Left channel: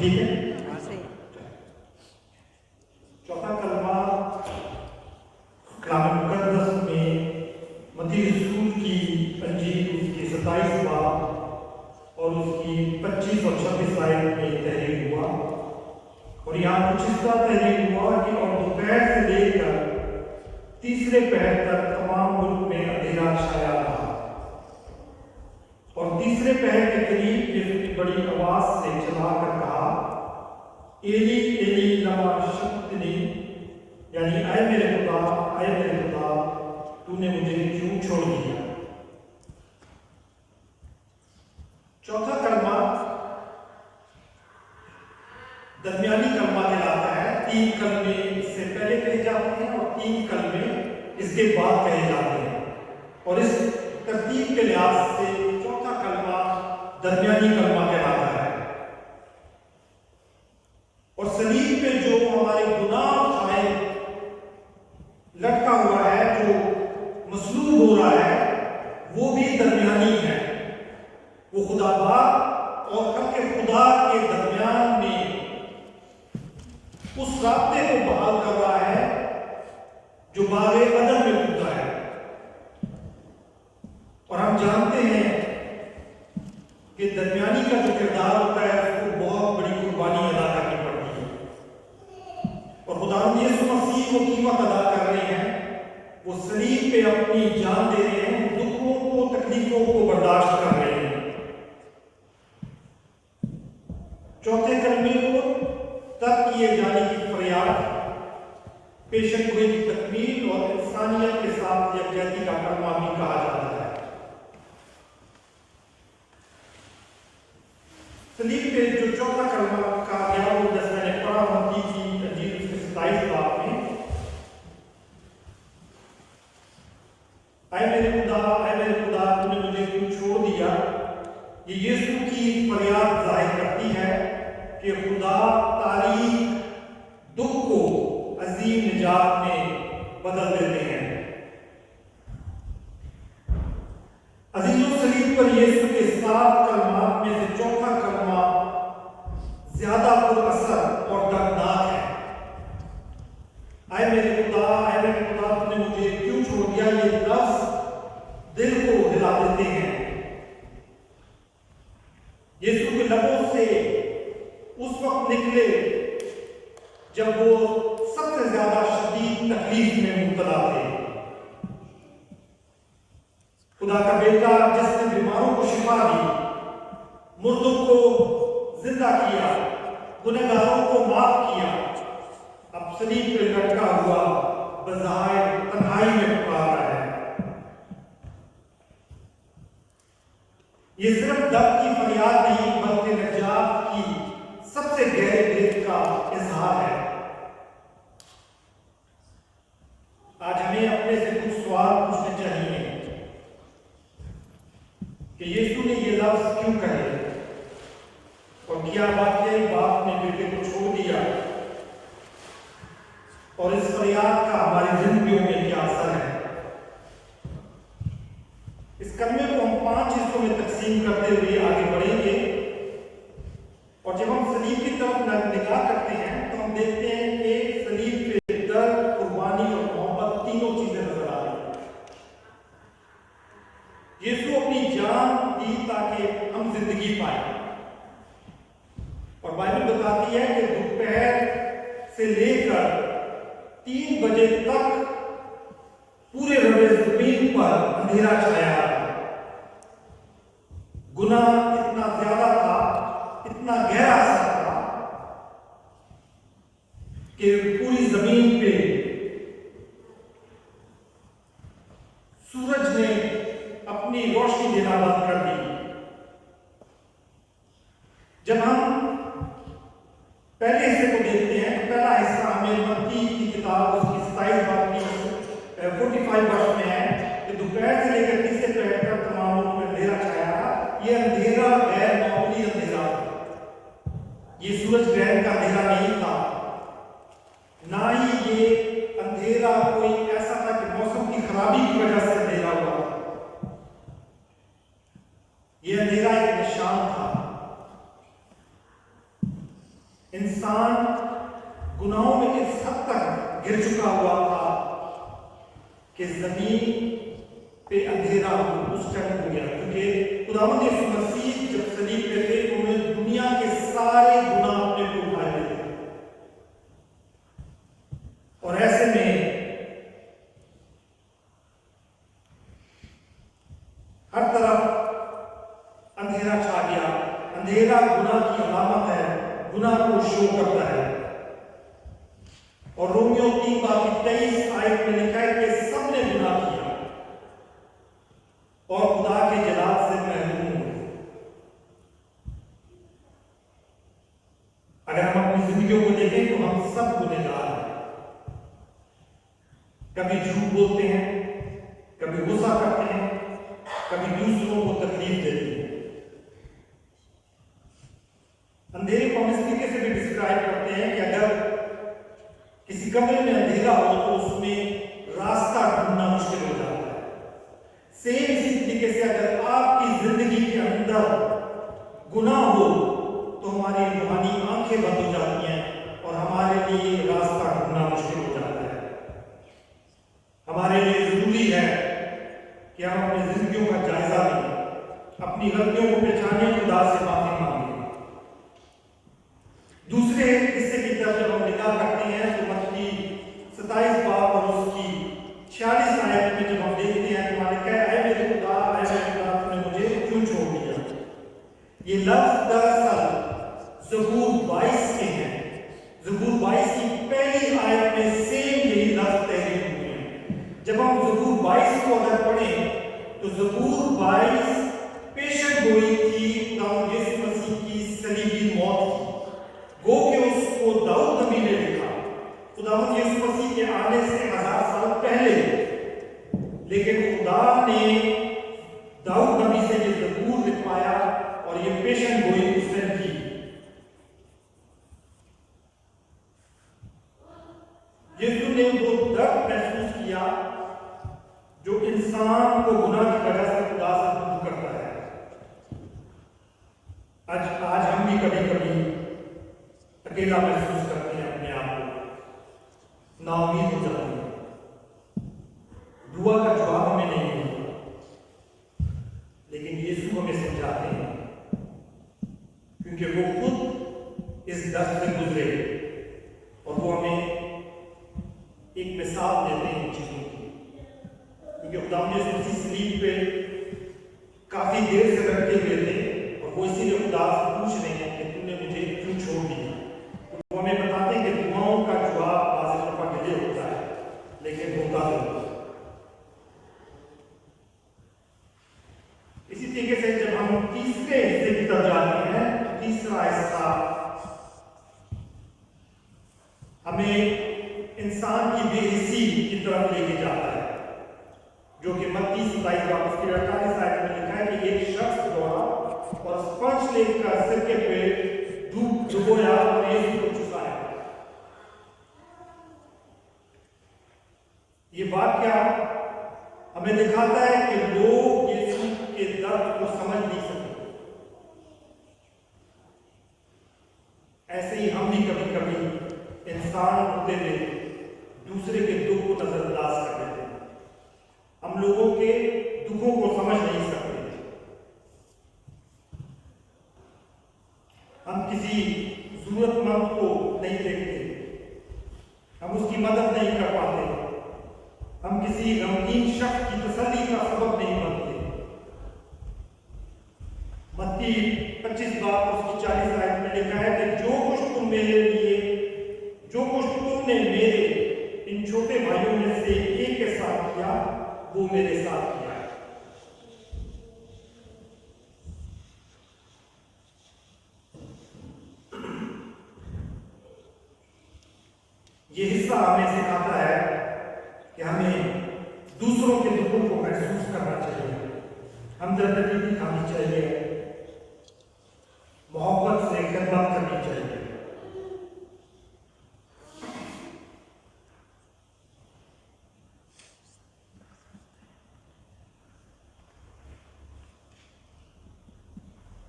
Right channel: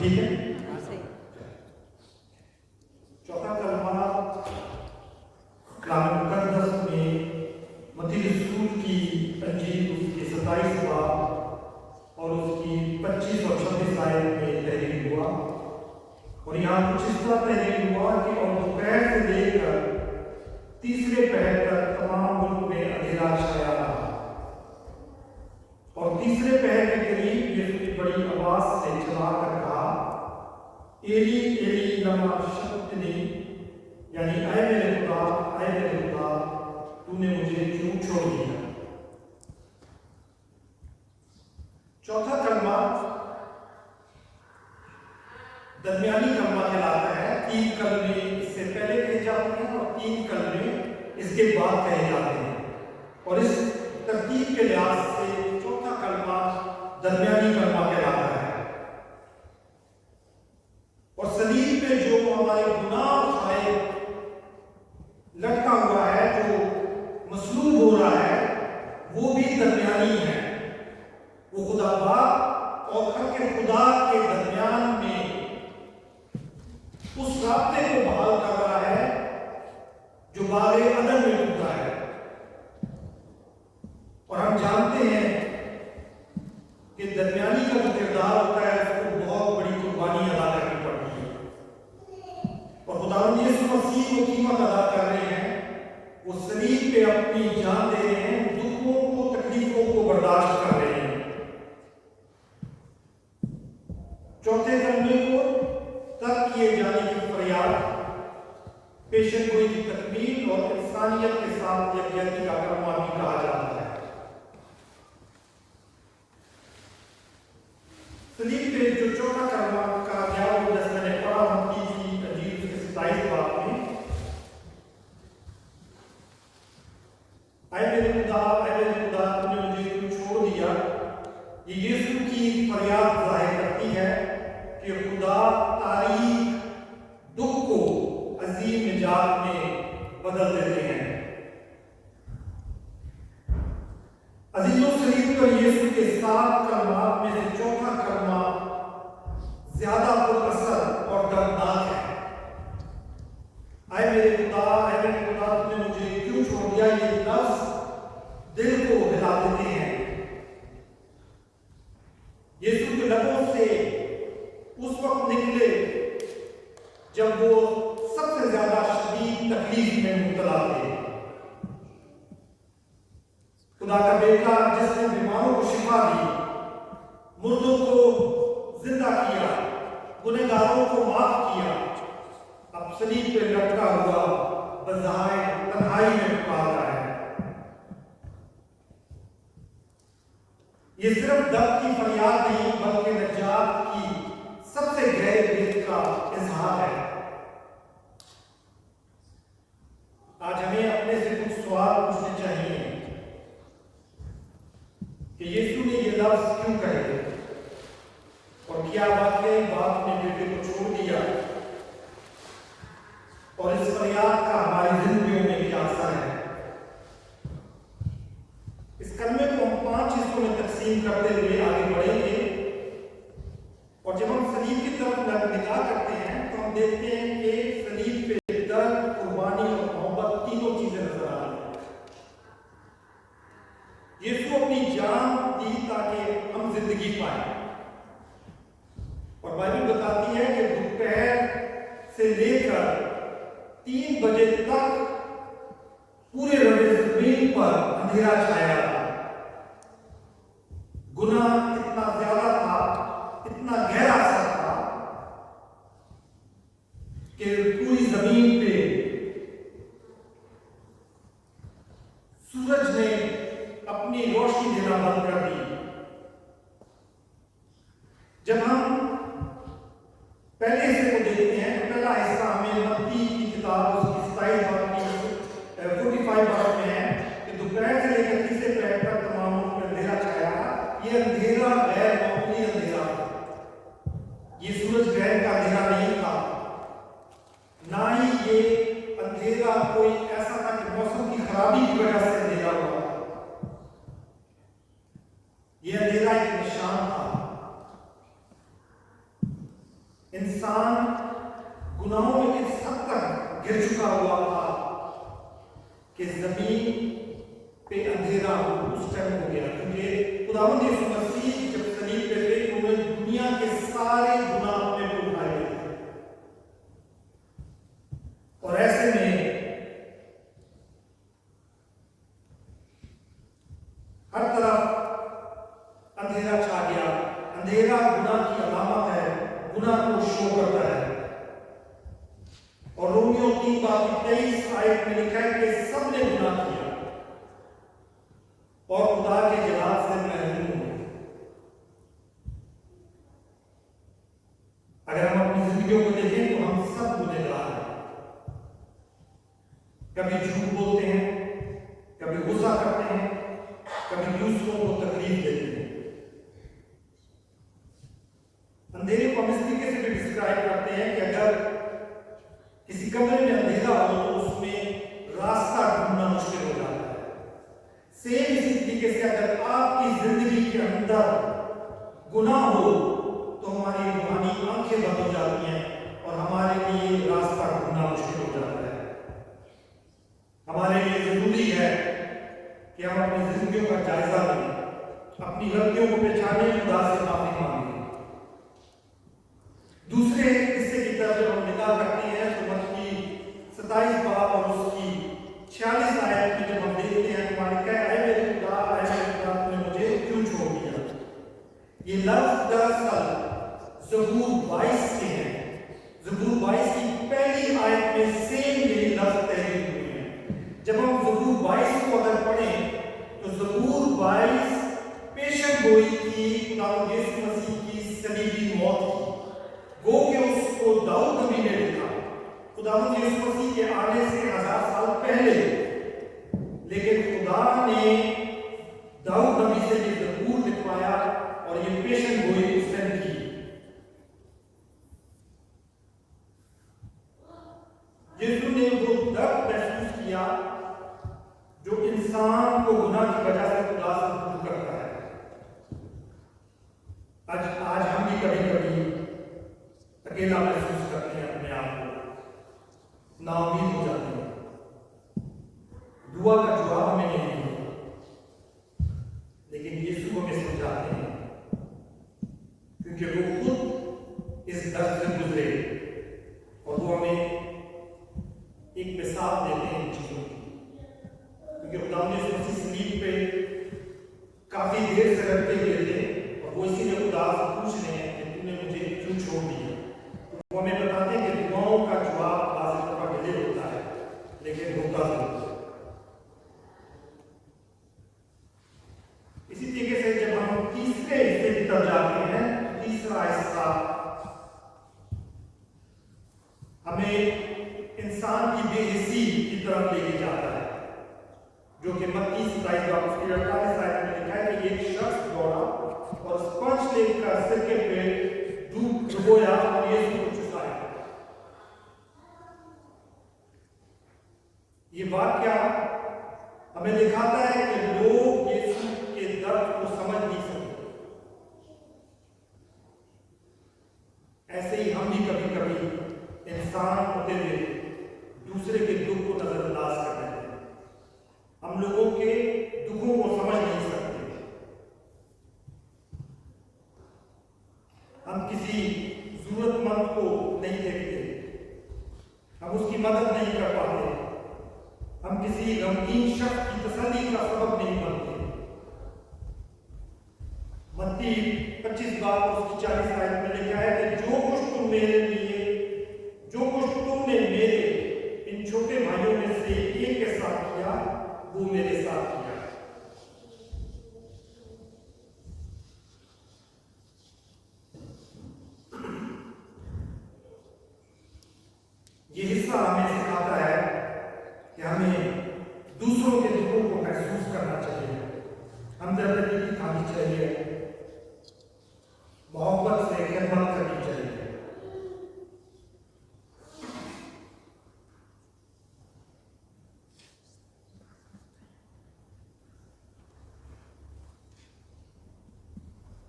ठीक है। चौथा कलमा कलाम मुकद्दस में मत्ती रसूल की अंजील उसके 27 बाब और उसकी 25 और 26 आयत में तहरीर हुआ, और यहाँ कुछ इस तरह तहरीर हुआ कि और दोपहर से लेकर तीसरे पहर तक तमाम मुल्क में अंधेरा छाया रहा, और तीसरे पहर के करीब यीशु ने बड़ी आवाज से चिल्लाकर कहा, एली एली लमा शबक्तनी, यानी ऐ मेरे खुदा तूने मुझे क्यों छोड़ दिया। चौथा कलमा दरमियानी कलमा कहलाता है। 3 कलमे इससे पहले कहे जाते हैं और 3 कलमे इसके बाद कहे जाते हैं, और इस तरतीब के लिहाज से चौथा कलमा दरमियानी कलमा कहलाता है। और सलीब पे जो हमारे गुनाह उठाए लटका हुआ है, जो मसलूब हो रहा है, वो भी दरमियानी है। वो खुदा बाप और खल्क़ खुदा के दरमियान में उस राब्ते को बहाल कर रहा है जो बागे अदन में टूटा है। और हम जानते हैं कि दरमियानी का जो किरदार होता है उसको बहुत बड़ी कुर्बानी अदा करनी पड़ती है, और खुदावंद यीशु मसीह वो कीमत अदा कर रहे हैं। वो सलीब पे अपनी जान दे रहे हैं, दुखों को तकलीफों को बर्दाश्त कर रहे हैं। चौथे कलमे को तर्क किए जाने की फरियाद, पेशन गोई की तकमील और इंसानियत के साथ यकजहती का कलमा भी कहा जाता है। सलीब पे जो चौथा कलमा कहा गया वो जैसे मैंने पढ़ा मत्ती की अंजील उसके 27 बाब में, ऐ मेरे खुदा तूने मुझे क्यों छोड़ दिया। ये यीशु की फरियाद जाहिर करती है कि खुदा तारीख दुख को अजीम निजात में बदल देते हैं। अजीजों, सलीब पर यीशु के 7 कलमात में से चौथा कलमा ज्यादा पुरअसर और दर्दनाक है। ऐ मेरे खुदा तूने मुझे क्यों छोड़ दिया। ये लफ्ज दिल को हिला देते हैं। यीशु के लबों से उस वक्त निकले जब वो सबसे ज्यादा शदीद तकलीफ में मुब्तला थे। खुदा का बेटा जिसने बीमारों को शिफा दी, मुर्दों को जिंदा किया, गुनहगारों को माफ किया, अब सलीब पे लटका हुआ बज़ाहिर तन्हाई में पुकार रहा है। ये सिर्फ दर्द की फरियाद नहीं बल्कि नजात की सबसे गहरे भेद का इजहार है। आज हमें अपने से कुछ सवाल पूछने चाहिए कि यीशु ने ये लफ्ज क्यों कहे, और क्या वाकई बाप ने बेटे को छोड़ दिया, और इस फरियाद का हमारी जिंदगियों में क्या असर है। इस कलमे को हम 5 हिस्सों में तकसीम करते हुए आगे बढ़ेंगे, और जब हम सलीब की तरफ निगाह करते हैं तो हम देखते हैं कि सलीब पे दर्द, कुर्बानी और मोहब्बत तीनों चीजें नजर आ रही हैं। यीशु अपनी जान दी ताकि हम जिंदगी पाए, और बाइबल बताती है कि दोपहर से लेकर 3 बजे तक पूरे रबे जमीन पर अंधेरा छाया था। गुनाह इतना ज्यादा था, इतना गहरा असर था कि पूरी जमीन पे सूरज ने अपनी रोशनी देना बंद कर दी। जब हम पहले हिस्से को देखते हैं, पहला हिस्सा हमें मत्ती की किताब उसकी 27 बाब की 45 वर्ष में है कि दोपहर کہ زمین پہ اندھیرا اس ٹائم ہو گیا، کیونکہ خداوند یسوع مسیح جب صلیب پہ تھے تو انہوں نے دنیا کے سارے گناہ اپنے پر اٹھائے ہوئے تھے، اور ایسے میں ہر طرف اندھیرا چھا گیا۔ اندھیرا گناہ کی علامت ہے، گناہ کو شو کرتا ہے، اور رومیو 3:23 میں لکھا ہے کہ سب نے گناہ کیا اور خدا کے جلال سے محروم ہوئے۔ اگر ہم اپنی زندگیوں کو دیکھیں تو ہم سب گنہگار ہیں، کبھی جھوٹ بولتے ہیں، کبھی غصہ کرتے ہیں، کبھی دوسروں کو تکلیف دیتے ہیں۔ اندھیرے کو ہم اس طریقے سے بھی ڈسکرائب کرتے ہیں کہ اگر کسی کمرے میں اندھیرا ہو تو اس میں راستہ ڈھونڈنا مشکل ہو جاتا ہے۔ سیم اسی طریقے سے اگر آپ کی زندگی کے اندر گناہ ہو تو ہماری روحانی آنکھیں بند ہو جاتی ہیں اور ہمارے لیے راستہ ڈھونڈنا مشکل ہو جاتا ہے۔ ہمارے لیے ضروری ہے کہ ہم اپنی زندگیوں کا جائزہ لیں، اپنی غلطیوں کو پہچانیں، خدا سے معافی مانگیں۔ دوسرے حصے کی طرف جب ہم نگاہ کرتے ہیں تو متی 27 باب اور اس کی 46 آیت میں جب ہم دیکھتے ہیں تو ہمارے کہا اے میرے خدا، اے میرے خدا، تم نے مجھے کیوں چھوڑ دیا؟ یہ لفظ دراصل زبور 22 کے ہیں۔ زبور 22 کی پہلی آیت میں سیم یہی لفظ تحریر ہوئے ہیں۔ جب ہم زبور 22 کو اگر پڑھیں تو زبور 22 پیشن گوئی تھی خداوند یسوع مسیح کی صلیبی موت کی، گو کہ اس کو داؤد نبی نے لکھا خداوند یسوع مسیح کے آنے سے 1000 سال پہلے، لیکن خدا نے داؤد نبی سے یہ زبور لکھوایا اور یہ پیشن گوئی اس نے کی۔ یسوع نے وہ درد محسوس کیا جو انسان کو گناہ کی وجہ سے خدا سے دور کرتا ہے۔ آج ہم بھی کبھی کبھی اکیلا محسوس کرتے ہیں، اپنے آپ کو نا امید ہو جاتے ہیں، دعا کا جواب ہمیں نہیں ملتا، لیکن یسوع ہمیں سمجھاتے ہیں کیونکہ وہ خود اس درد سے گزرے اور وہ ہمیں ایک مثال دیتے ہیں ان چیزوں کی، کیونکہ خدا نے یسوع مسیح صلیب پہ کافی دیر سے رکھتے ہوئے تھے اور وہ اسی لیے خدا سے پوچھ رہے ہیں کہ تم نے مجھے کیوں چھوڑ دیا۔ وہ ہمیں بتاتے ہیں کہ دعاؤں کا جواب بعض دفعہ ڈیلے ہوتا ہے، لیکن ہوتا ضرور ہے۔ اسی طریقے سے جب ہم تیسرے حصے کی طرف جاتے ہیں، تیسرا حصہ ہمیں انسان کی بے حسی کی طرف لے کے جاتا ہے، جو کہ متی 27 باب اس کی 48 آیت میں لکھا ہے کہ ایک شخص دوڑا اور اسپنج لے کر سرکے پہ ڈبویا اور یسوع کو چکایا۔ یہ واقعہ ہمیں دکھاتا ہے کہ لوگ یسوع کے درد کو سمجھ نہیں سکتے۔ ایسے ہی ہم بھی کبھی کبھی انسان ہوتے ہوئے دوسرے کے دکھ کو نظر انداز کر دیتے ہیں، ہم لوگوں کے دکھوں کو سمجھ نہیں سکتے، ہم کسی ضرورت مند کو نہیں دیکھتے، ہم اس کی مدد نہیں کر پاتے، ہم کسی غمگین شخص کی تسلی کا سبب نہیں بنتے۔ متی 25 باب اس کی 40 آیت میں لکھا ہے کہ جو کچھ تم نے میرے ان چھوٹے بھائیوں میں سے ایک کے ساتھ کیا وہ میرے ساتھ کیا۔ یہ حصہ ہمیں سکھاتا ہے کہ ہمیں دوسروں کے دکھوں کو محسوس کرنا چاہیے، ہمدردی دکھانی چاہیے، محبت سے خدمت کرنی چاہیے۔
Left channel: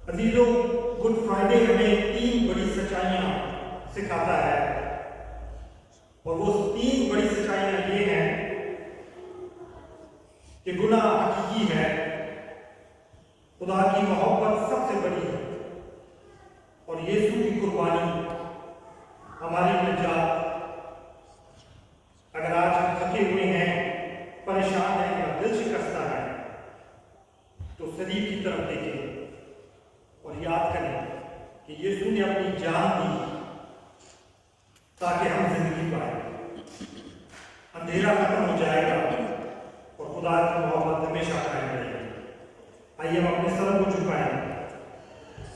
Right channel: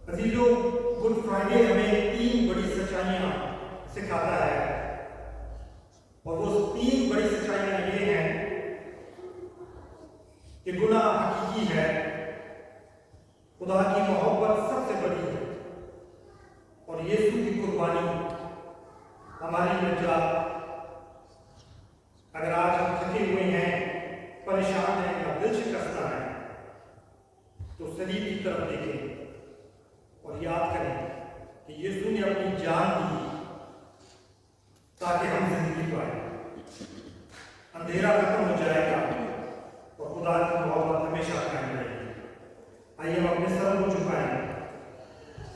عزیزو، گڈ فرائیڈے ہمیں 3 بڑی سچائیاں سکھاتا ہے، اور وہ 3 بڑی سچائیاں یہ ہیں कि गुनाह हकीकी है, खुदा की मोहब्बत सबसे बड़ी है और यीशु की कुर्बानी हमारी निजात। अगर आज हम थके हुए हैं, परेशान हैं या दिल शिकस्ता है, तो सलीब की तरफ देखें और याद करें कि यीशु ने अपनी जान दी ताकि हम जिंदगी पाएं। अंधेरा खत्म हो जाएगा और खुदा की मोहब्बत हमेशा कायम रहेगी। आइए हम अपने सर को झुकाएं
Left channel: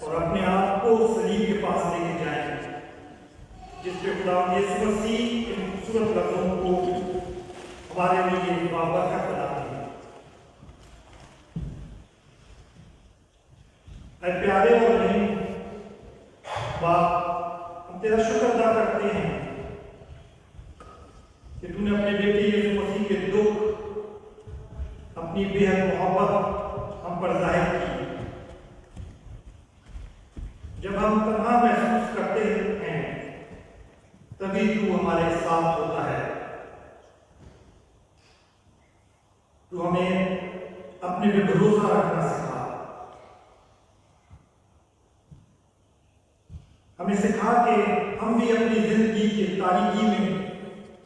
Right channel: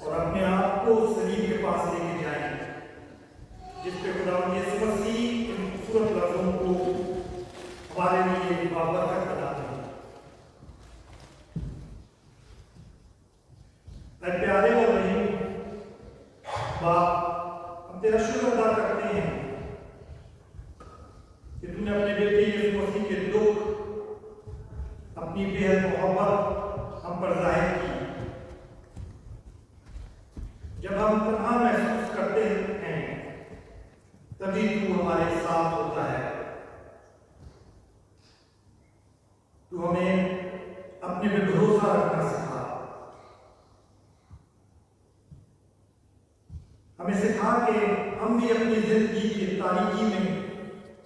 और अपने आप को सलीब के पास लेके जाएं, जिस पे खुदा यीशु मसीह के खूबसूरत लफ्जों को हमारे लिए बाबरकत बनाते हैं। ऐ प्यारे और रहीम बाप, हम तेरा शुक्र अदा करते हैं कि तूने अपने बेटे यीशु मसीह के दुख, अपनी बेहद मोहब्बत हम पर जाहिर की। जब हम तन्हा महसूस करते हैं तभी तू हमारे साथ होता है। तू हमें अपने पे भरोसा रखना सिखा, हमें सिखा कि हम भी अपनी जिंदगी की तारीकी में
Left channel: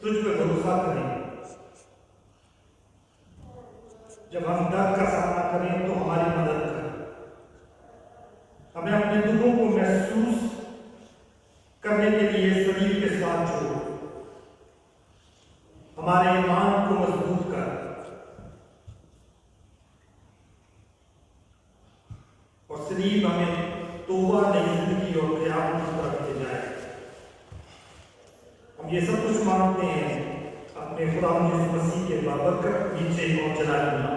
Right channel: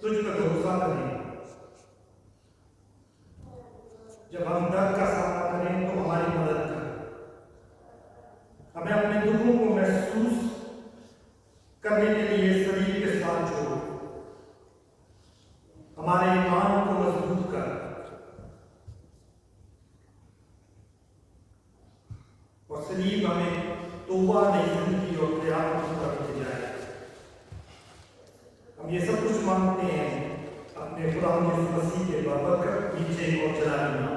तुझ पर भरोसा करें। जब हम दर्द का सामना करें तो हमारी मदद कर, हमें अपने दुखों को महसूस करने के लिए सलीब के साथ जोड़, हमारे ईमान को मजबूत कर और सलीब हमें तौबा नई जिंदगी और क़यामत की तरफ ले जाए। हम ये सब कुछ मांगते हैं अपने खुदा यीशु मसीह के बाबरकत नीचे और जलाल में।